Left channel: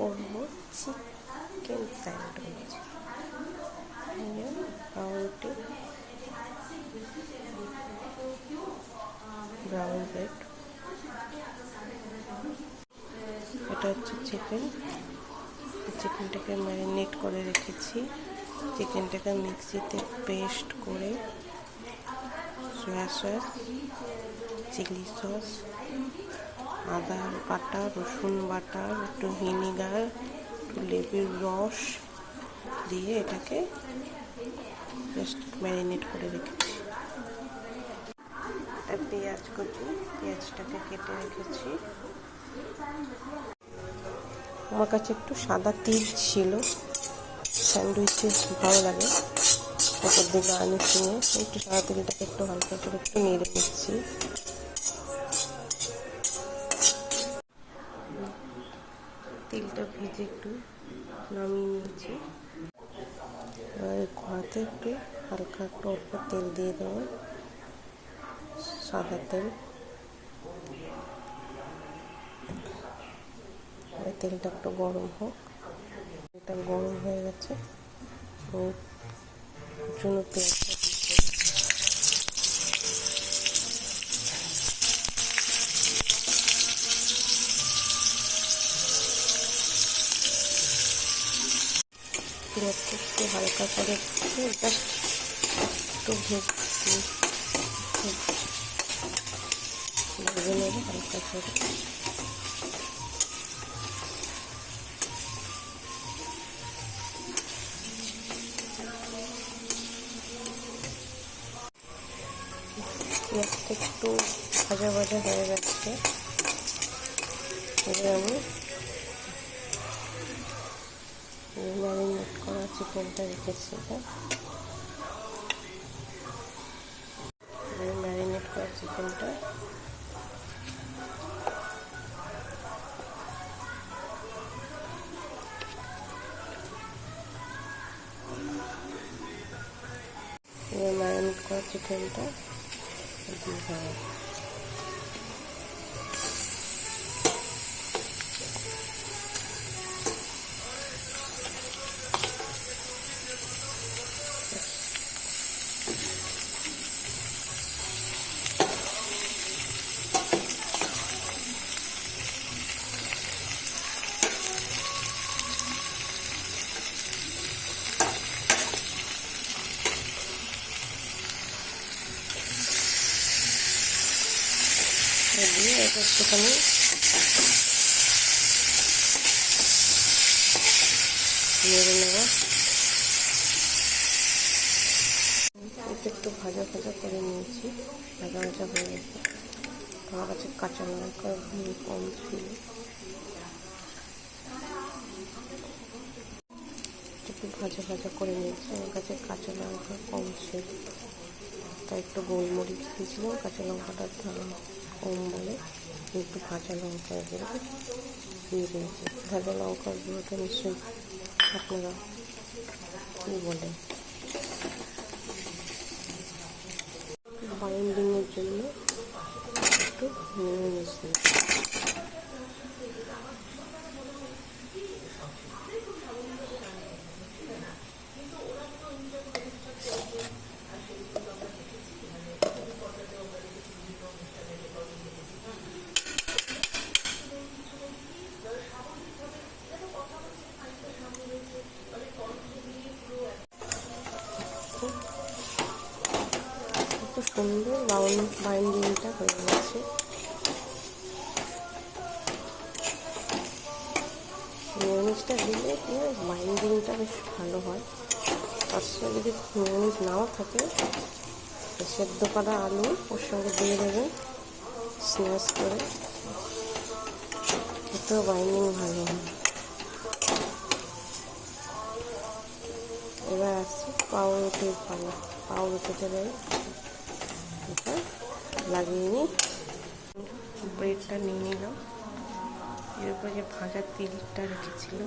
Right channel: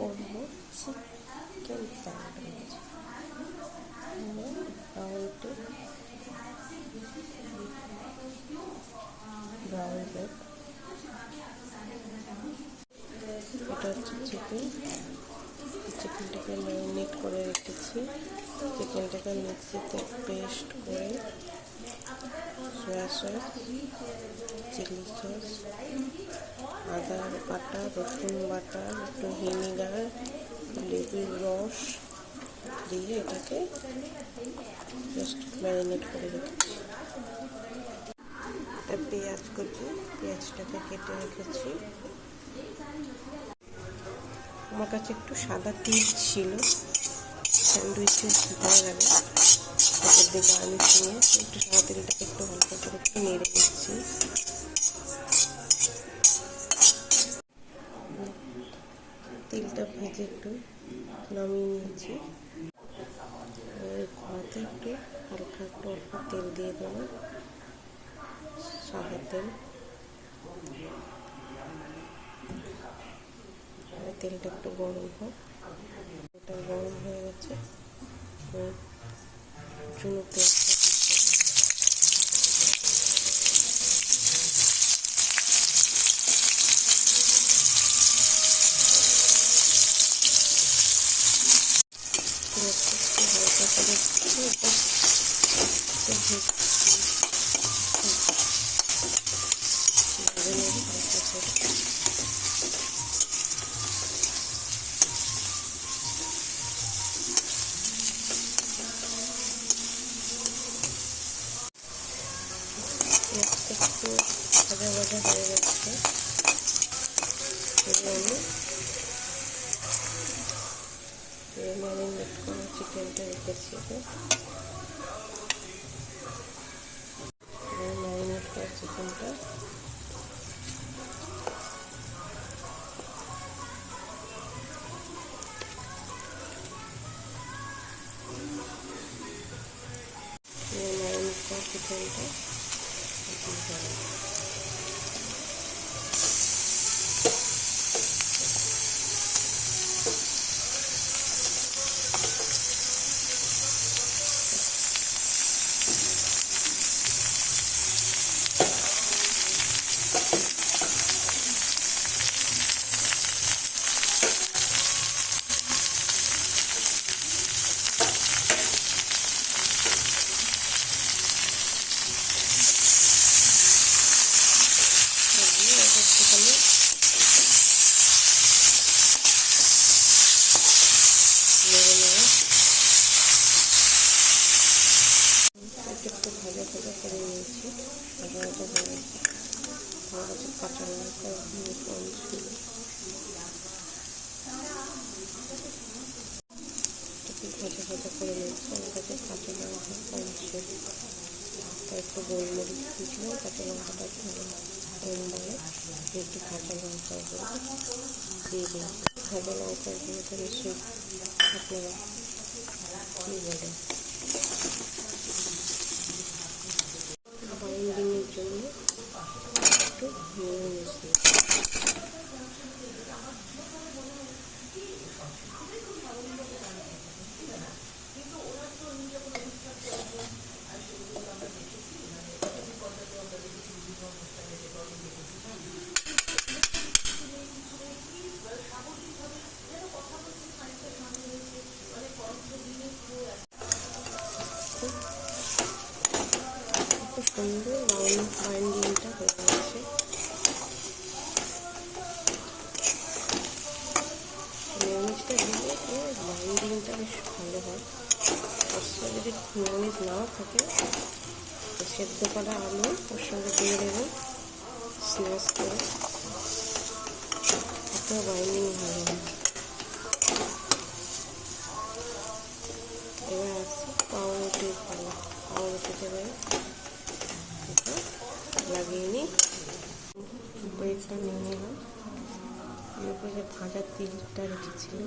করব chicken sandwich. পাউরুটি, brown bread, এটা হচ্ছে চিকেনটাকে ম্যারিনেট করে রেখেছি। চিকেনটাকে মিক্সিতে পেস্ট করে সয়া সস, চিলি সস, আদা বাটা, রসুন বাটা, একটু ভিনিগার, একটু লেবুর রস দিয়ে এটাকে জাস্ট ম্যারিনেট করে রেখেছি। একটা পেঁয়াজ কুচি, পেঁয়াজটাকে কেটে রেখেছি। আমার কাছে একটু সাদা তিল ছিল, স্যান্ডউইচে ভালো লাগে, ওপর দিয়ে গার্নিশিংয়ে একটু সাদা তিলটাকে একটু হালকা করে একটু নেড়ে দিচ্ছি। তিলটা ভেজে একটু নামিয়ে নিয়েছি। এবার কড়াতে একটু হালকা একটু অল্প তেল দিয়ে দেবো, সাদা তেল। তেলটা একটু গরম হোক। এটা গরম হয়ে গেছে, ওর জন্য পেঁয়াজটা একটু হালকা করে এটা একটু ভেজে নেব হালকা করে। পেঁয়াজটা একটু ভাজা ভাজা হয়ে যাচ্ছে, এবার আমি ম্যারিনেট করা চিকেনটা রেখেছি। ম্যারিনেট করা চিকেনটা একটুখানি নেড়ে নেব। এটা একটু ভাজা ভাজা করে নিয়েছি, ভাজা ভাজা হয়ে গেছে। আমার কাছে কাঁচা লঙ্কা কম ছিল, একটু ভাজা ভাজা করে নিয়েছি। আমার কাছে কাঁচা লঙ্কা কম ছিল, তাই একটু গোলমরিচ দিয়েছিলাম। কাঁচা লঙ্কাটা কম বলে একটু কাঁচা লঙ্কা দিয়ে দিয়েছি। ভাজা লঙ্কাগুলোটা নিশ্চয়ই আপনারা কী বলে, বাইন্ডিংয়ের জন্য একটু মেয়োনিজ দিয়েছি। সুন্দর বাইন্ডিংটা হয়ে গেছে। মেয়োনিজটা দিলে বাইন্ডিংটা বেশ ভালো হয়। তার সঙ্গে যদি মেয়োনিজ নাও থাকে, সেদ্ধ করা আলু ওর সঙ্গে দিয়ে দেবেন স্ম্যাশ করে, এতেও বাইন্ডিং ভালো হয়। এবার আসছি পাউরুটির পালা। পাউরুটিতে এটা লাগিয়ে নিই, ব্রেডটা নিয়ে নিলাম। এর উপরে যে ভাজা তিলটা রেখেছিল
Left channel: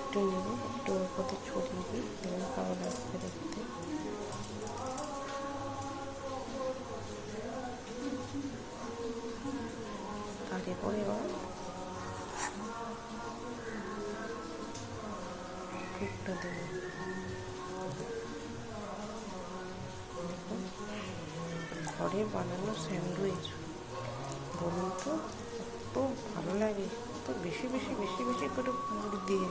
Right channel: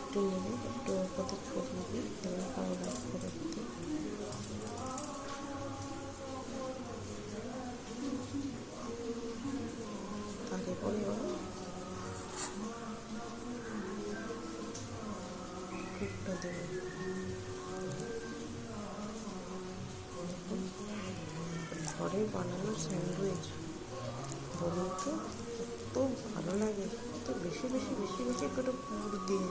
একটু নেব, একটু কত ছড়িয়ে দিই, এবার ভালো লাগবে দেখতে। তারপরে পুরটা দেবো। ঘরে বানানো স্যান্ডউইচ বলুন তো, এত ভালো লাগে, তো বেশি বেশি বেশি বেশি করে পুর দিয়ে।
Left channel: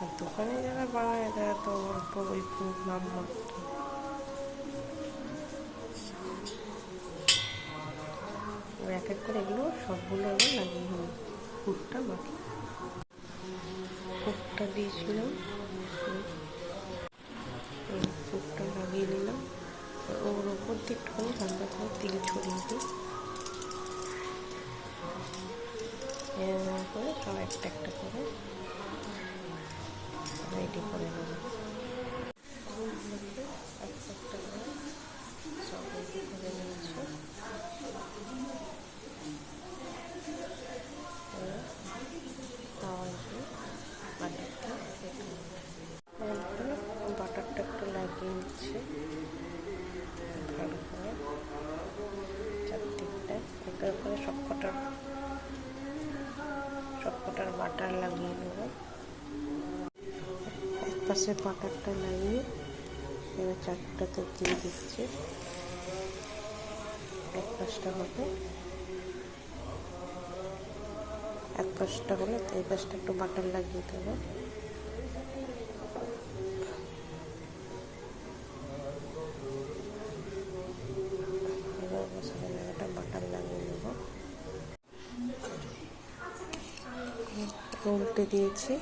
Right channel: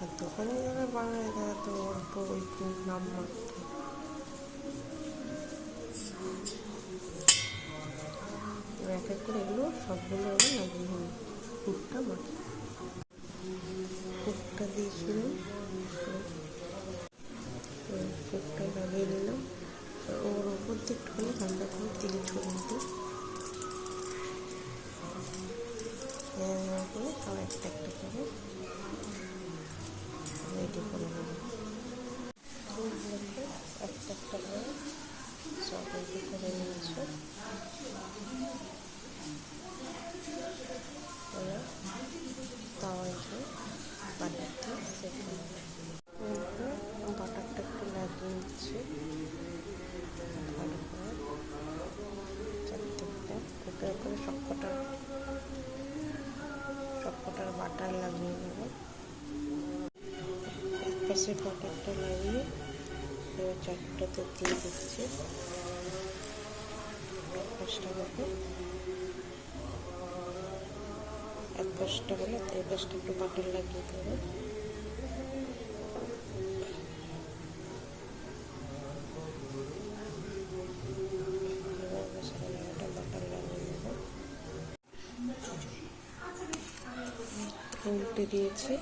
আর দোকানে যারা বানায় তারা তো অল্প ওই পুর নাম মাত্র। এক এক করে এগুলো সবগুলো লাগিয়ে হলো পুরটা মাখি। পুরটা দিয়েছিলাম, পুরটা লাগিয়ে নিলাম। ওর ওপর দিয়ে একটুখানি হালকা করে তেল ছড়িয়ে দিই। করে সব একটা একটা করে রেডি করে নেব। একটা একটা করে সব রেডি করে নিয়েছে। তাওয়ায় যে বাটার দিয়ে সেট হচ্ছে, বাটারটা একটু লাগিয়ে নিচ্ছে ভালো করে চারদিকটা। ওটার করে সবকটার বাটার লাগিয়ে নেবো। এক পাশে বাটারটা লাগিয়ে এবার চারটাতে দিয়ে দিচ্ছি। এক পাশটা হবে, এক পাশটা হলে তো এই পাশটা একটু বাটার লাগিয়ে দেবো। একটা বাটার লাগিয়ে নেব। উল্টে দিয়েছি।